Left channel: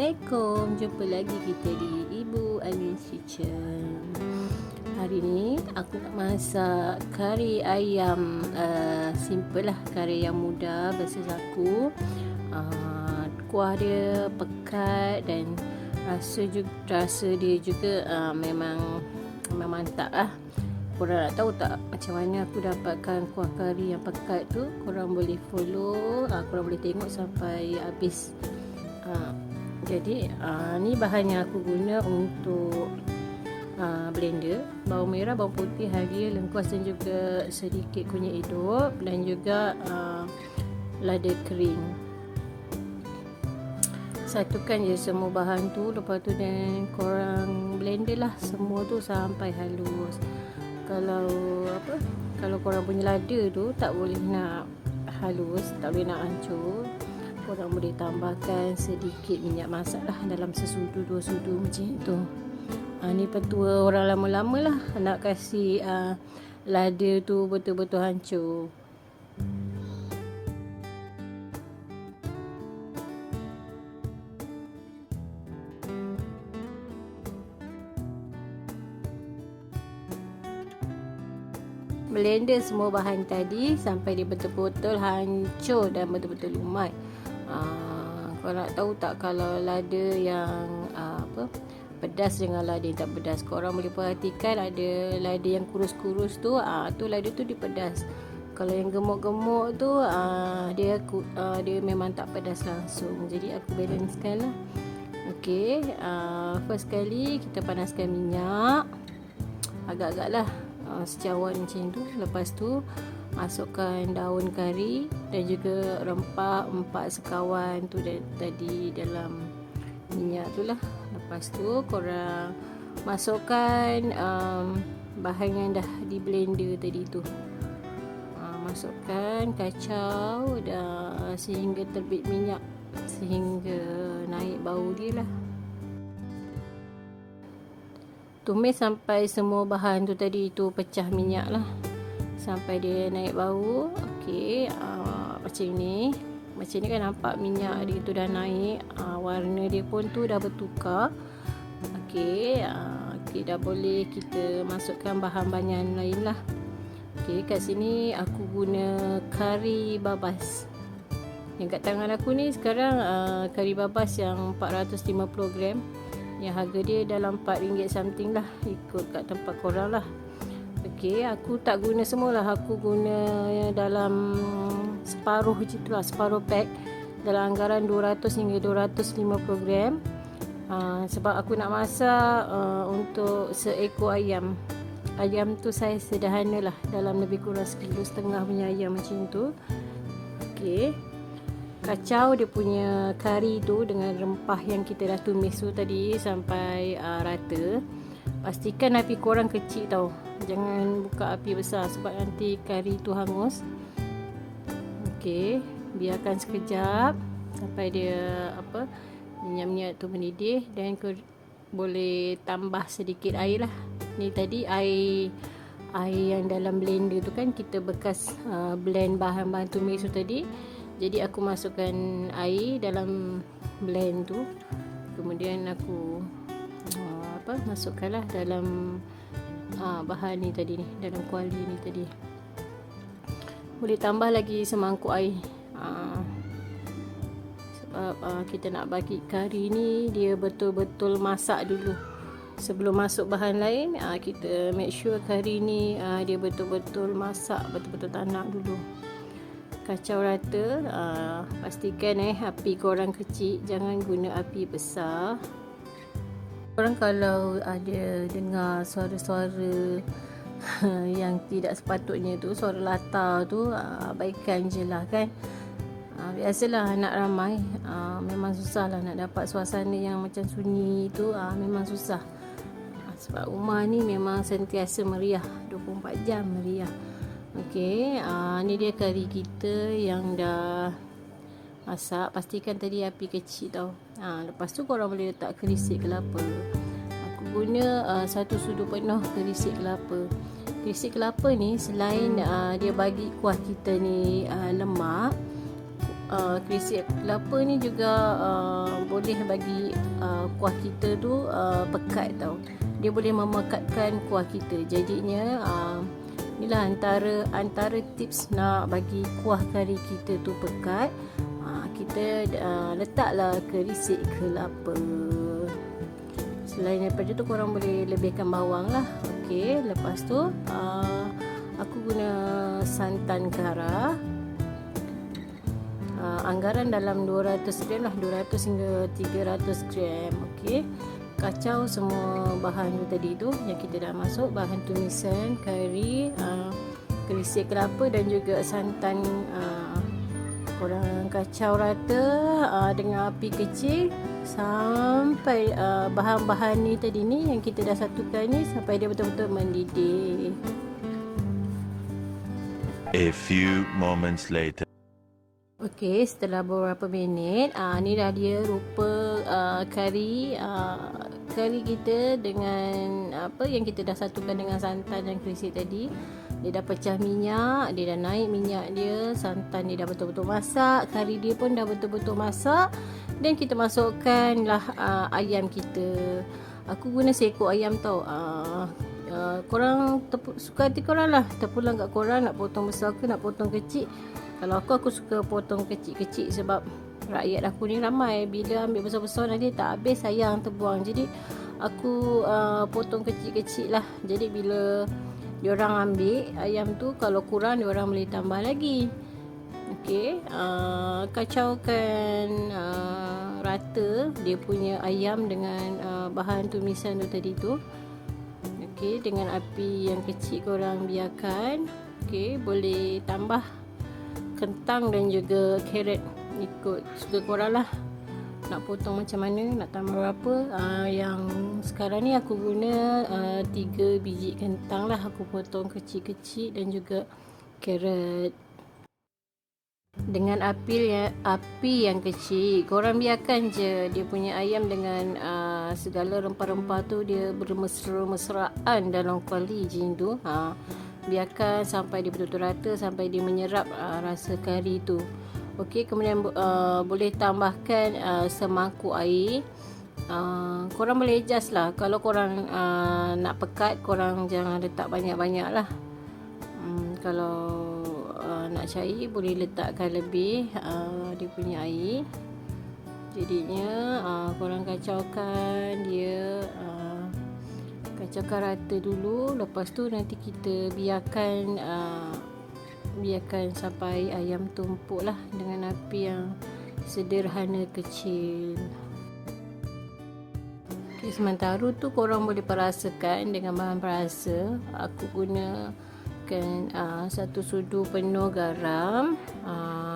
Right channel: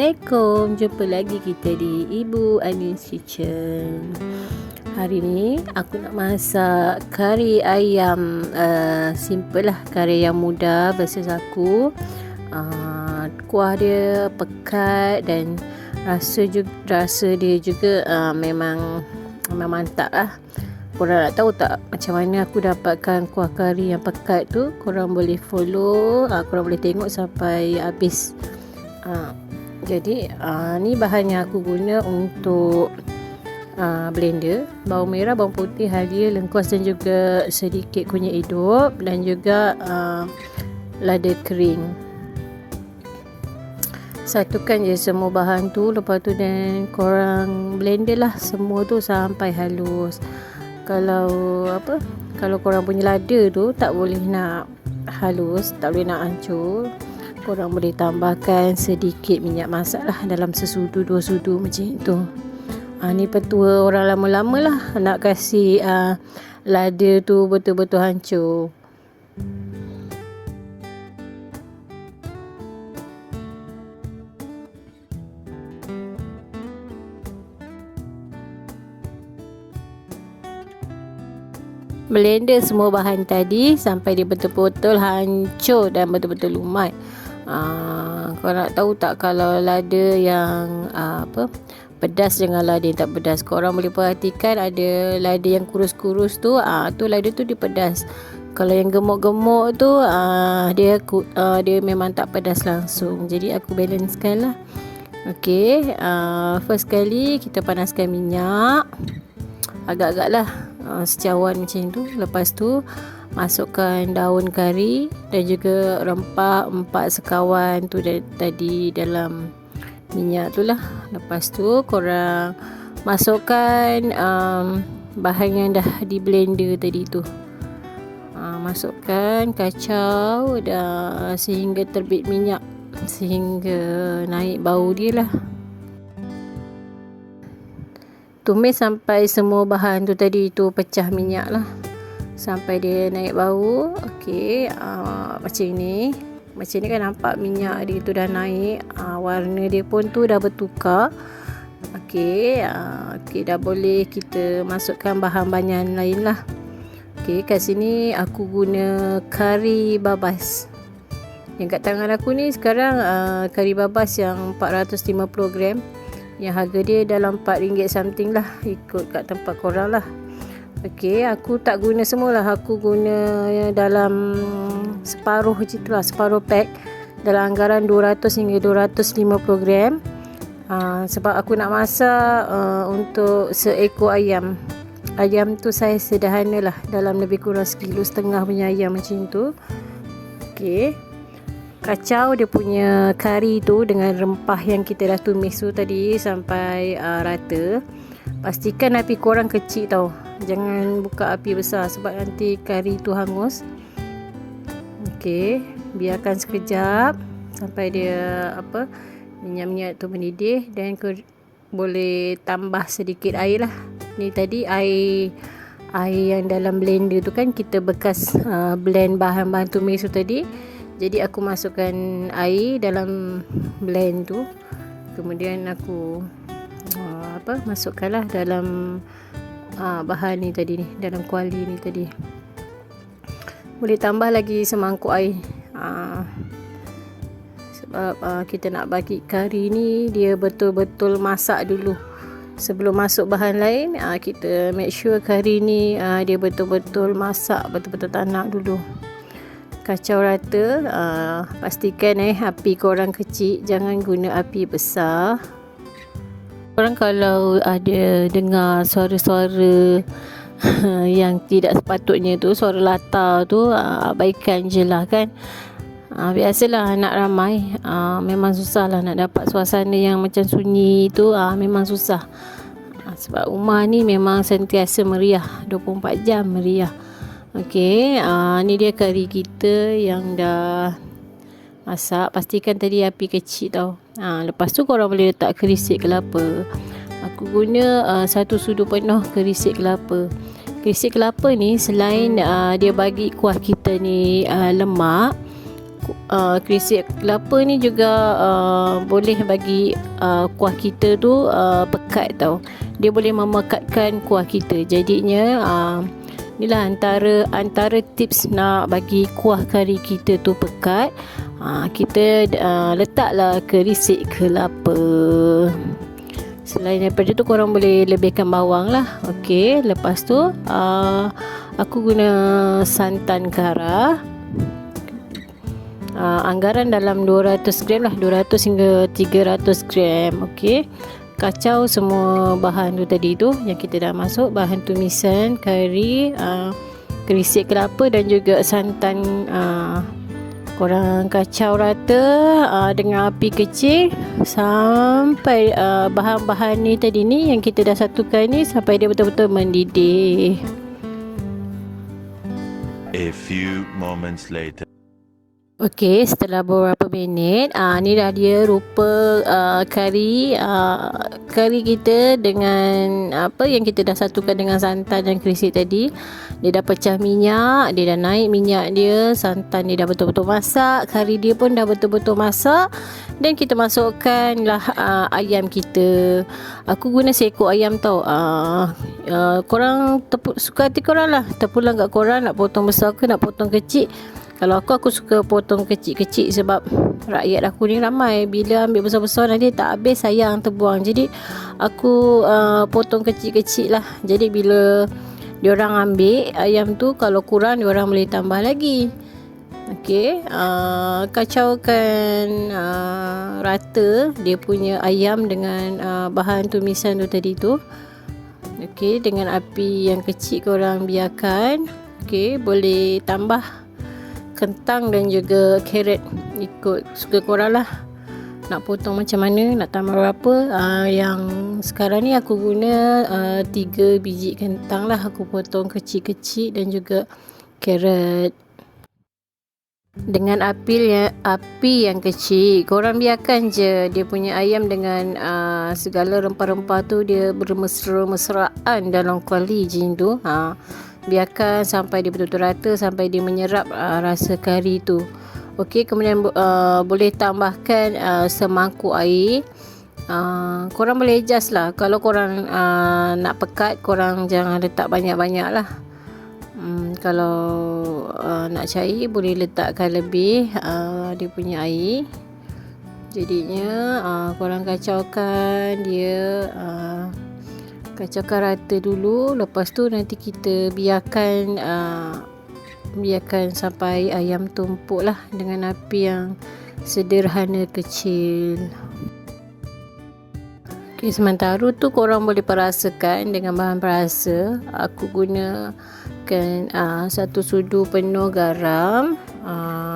Assalamualaikum, jumpa lagi kita di Ibu Anis Kitchen. Hari ni aku nak masak kari ayam, simple lah, kari yang mudah versus aku. Kuah dia pekat dan rasa dia juga memang mantap lah. Korang nak tahu tak macam mana aku dapatkan kuah kari yang pekat tu? Korang boleh follow, korang boleh tengok sampai habis. Jadi ni bahan yang aku guna untuk blender: bawang merah, bawang putih, halia, lengkuas dan juga sedikit kunyit hidup dan juga lada kering. Satukan je semua bahan tu, lepas tu dan korang blender lah semua tu sampai halus. Kalau korang punya lada tu tak boleh nak halus, tak boleh nak hancur, korang boleh tambahkan sedikit minyak masak lah dalam sesudu 2 sudu macam tu. Ni petua orang lama-lama lah, nak kasih lada tu betul-betul hancur. Blender semua bahan tadi sampai dia betul-betul hancur dan betul-betul lumat. Kau nak tahu tak, kalau lada yang pedas dengan lada yang tak pedas, korang boleh perhatikan ada lada yang kurus-kurus tu, tu lada tu dia pedas. Kalau yang gemuk-gemuk tu dia memang tak pedas langsung. Jadi aku balancekan lah. Okey, first kali kita panaskan minyak agak-agak lah, secawan macam tu. Lepas tu masukkan daun kari dan juga rempah 4 sekawan tu tadi dalam minyak tu lah. Lepas tu korang masukkan bahan yang dah di blender tadi tu. Masukkan, kacau dah sehingga terbit minyak, sehingga naik bau dia lah. Tumis sampai semua bahan tu tadi tu pecah minyak lah, sampai dia naik bau. Okey, macam ni kan nampak minyak dia tu dah naik, warna dia pun tu dah bertukar. Okey, dah boleh kita masukkan bahan-bahan lain lah. Okey, kat sini aku guna kari babas. Yang kat tangan aku ni sekarang kari babas yang 450 gram, yang harga dia dalam RM4 something lah, ikut kat tempat korang lah. Okey, aku tak guna semualah, aku guna dalam separuh je tu lah, separuh pack dalam anggaran 200 hingga 250 gram. Sebab aku nak masak untuk seekor ayam. Ayam tu saiz sederhana lah, dalam lebih kurang 1,5 kg punya ayam macam tu. Okey, kacau dia punya kari tu dengan rempah yang kita dah tumis tu tadi sampai rata. Pastikan api korang kecil tau, jangan buka api besar sebab nanti kari tu hangus. Okey, biarkan sekejap sampai dia minyak-minyak tu mendidih, dan boleh tambah sedikit air lah. Ni tadi air yang dalam blender tu kan kita bekas blend bahan-bahan tumis tu tadi. Jadi aku masukkan air dalam blend tu, kemudian aku masukkanlah dalam bahan ni tadi ni, dalam kuali ni tadi. Boleh tambah lagi semangkuk air, sebab kita nak bagi kari ni dia betul-betul masak dulu. Sebelum masuk bahan lain, kita make sure kari ni dia betul-betul masak, betul-betul tanak dulu. Kacau rata, pastikan api korang kecil, jangan guna api besar. Korang kalau ada dengar suara-suara yang tidak sepatutnya tu, suara latar tu, abaikan je lah kan. Biasalah anak ramai, memang susah lah nak dapat suasana yang macam sunyi tu, memang susah. Sebab rumah ni memang sentiasa meriah, 24 jam meriah. Okey, ni dia kari kita yang dah masak. Pastikan tadi api kecil tau. Lepas tu korang boleh letak kerisik kelapa. Aku guna 1 sudu penuh kerisik kelapa. Kerisik kelapa ni selain dia bagi kuah kita ni lemak, Krisik kelapa ni juga boleh bagi kuah kita tu pekat tau. Dia boleh memekatkan kuah kita. Jadinya inilah antara tips nak bagi kuah kari kita tu pekat. Kita letaklah krisik kelapa. Selain daripada tu, korang boleh lebihkan bawang lah. Okey, lepas tu aku guna santan kara. Anggaran dalam 200 gram lah, 200 hingga 300 gram. Okey, kacau semua bahan tu tadi tu yang kita dah masuk, bahan tumisan kari, krisik kelapa dan juga santan. Korang kacau rata dengan api kecil sampai bahan-bahan ni tadi ni yang kita dah satukan ni sampai dia betul-betul mendidih. A few moments later. Okey, setelah beberapa minit, ni dah dia rupa kari kita dengan apa yang kita dah satukan dengan santan dan krisik tadi. Dia dah pecah minyak, dia dah naik minyak dia, santan dia dah betul-betul masak, kari dia pun dah betul-betul masak, dan kita masukkanlah ayam kita. Aku guna seekor ayam tau. Korang suka hati korang lah, terpulang kat korang nak potong besar ke nak potong kecil. Kalau aku suka potong kecil-kecil sebab rakyat aku ni ramai. Bila ambil besar-besar nanti tak habis, sayang terbuang. Jadi aku potong kecil-kecil lah. Jadi bila diorang ambil ayam tu, kalau kurang diorang boleh tambah lagi. Okey, kacaukan rata dia punya ayam dengan bahan tumisan tu tadi tu. Okey, dengan api yang kecil korang biarkan. Okey, boleh tambah kentang dan juga carrot, ikut suka korang lah nak potong macam mana, nak tambah berapa. Yang sekarang ni aku guna 3 biji kentang lah, aku potong kecil-kecil, dan juga carrot dengan api yang kecil. Korang biarkan je dia punya ayam dengan segala rempah-rempah tu dia bermesra-mesraan dalam kuali jin tu. Biarkan sampai dia betul-betul rata, sampai dia menyerap rasa kari tu. Okey, kemudian boleh tambahkan semangkuk air. Korang boleh adjust lah. Kalau korang nak pekat, korang jangan letak banyak-banyak lah. Kalau nak cair, boleh letakkan lebih dia punya air. Jadinya korang kacaukan dia, kacaukan rata dulu. Lepas tu nanti kita biarkan sampai ayam tumpuk lah dengan api yang sederhana kecil. Okay, sementara tu korang boleh perasakan dengan bahan perasa. Aku gunakan 1 sudu penuh garam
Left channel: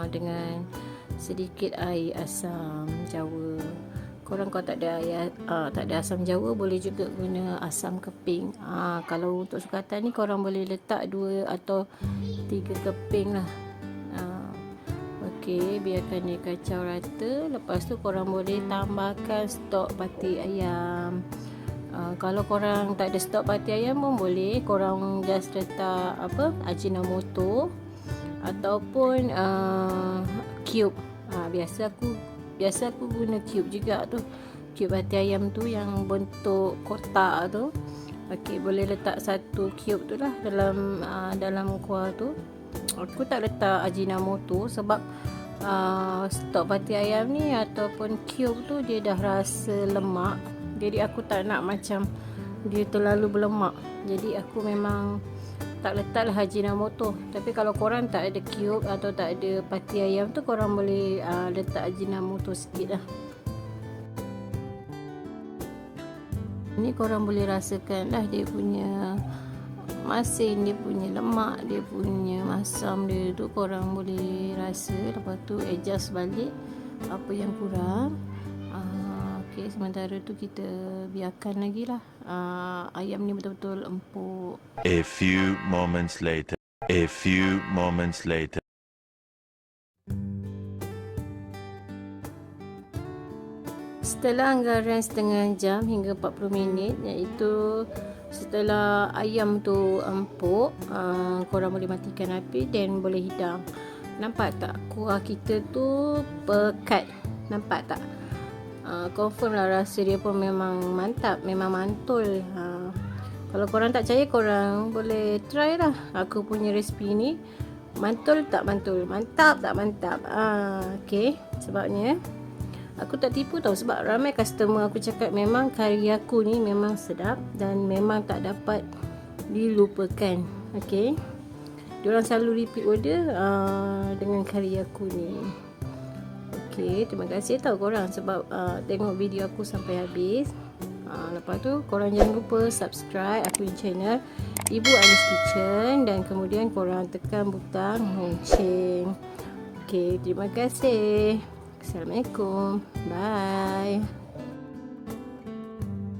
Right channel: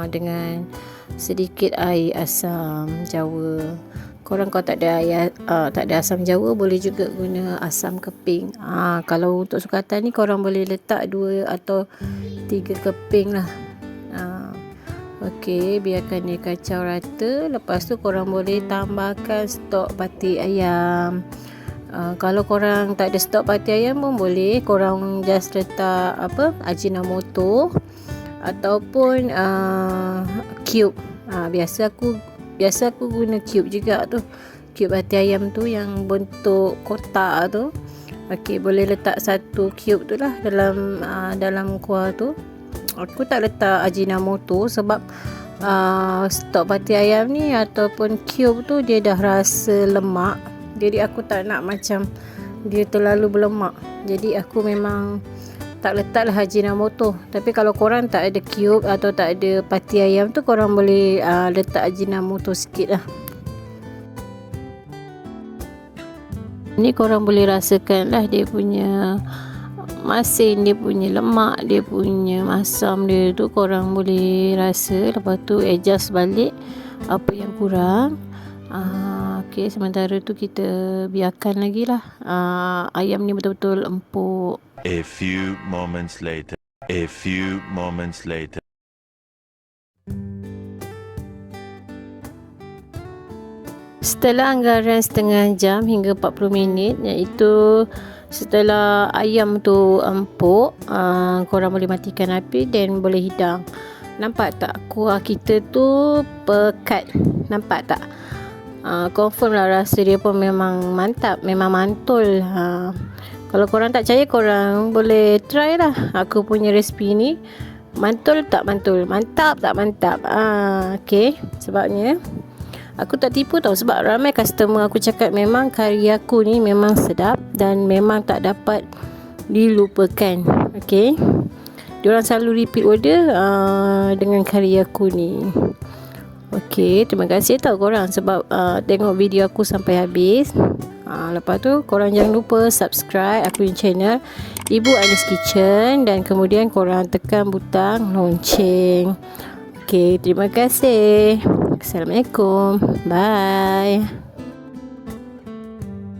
dengan sedikit air asam jawa. Korang kalau tak ada asam jawa, boleh juga guna asam keping. Kalau untuk sukatan ni korang boleh letak 2 atau 3 keping lah. Okey, biarkan dia kacau rata. Lepas tu korang boleh tambahkan stok batik ayam. Kalau korang tak ada stok batik ayam pun boleh, korang just letak Ajinomoto ataupun cube. Biasa aku guna cube juga tu. Cube hati ayam tu yang bentuk kotak tu. Okey, boleh letak 1 cube tu lah dalam kuah tu. Aku tak letak Ajinomoto sebab stok pati ayam ni ataupun cube tu dia dah rasa lemak. Jadi aku tak nak macam dia terlalu berlemak. Jadi aku memang tak letaklah Ajinomoto. Tapi kalau korang tak ada cube atau tak ada pati ayam tu, korang boleh letak Ajinomoto sikit lah. Ni korang boleh rasakan lah dia punya masin, dia punya lemak, dia punya masam dia tu korang boleh rasa. Lepas tu adjust balik apa yang kurang. Okey, sementara tu kita biarkan lagi lah ayam ni betul-betul empuk. A few moments later. Setelah anggaran setengah jam hingga 40 minit, iaitu setelah ayam tu empuk, korang boleh matikan api dan boleh hidang. Nampak tak kuah kita tu pekat? Nampak tak? Confirm lah rasa dia pun memang mantap, memang mantul. Kalau korang tak percaya, korang boleh try lah aku punya resipi ni. Mantul tak mantul? Mantap tak mantap? Okay, sebabnya aku tak tipu tau, sebab ramai customer aku cakap memang kari aku ni memang sedap dan memang tak dapat dilupakan. Okay, diorang selalu repeat order dengan kari aku ni. Okay, terima kasih tau korang sebab tengok video aku sampai habis. Lepas tu korang jangan lupa subscribe aku punya channel Ibu Anis Kitchen, dan kemudian korang tekan butang lonceng. Okay, terima kasih. Assalamualaikum. Bye.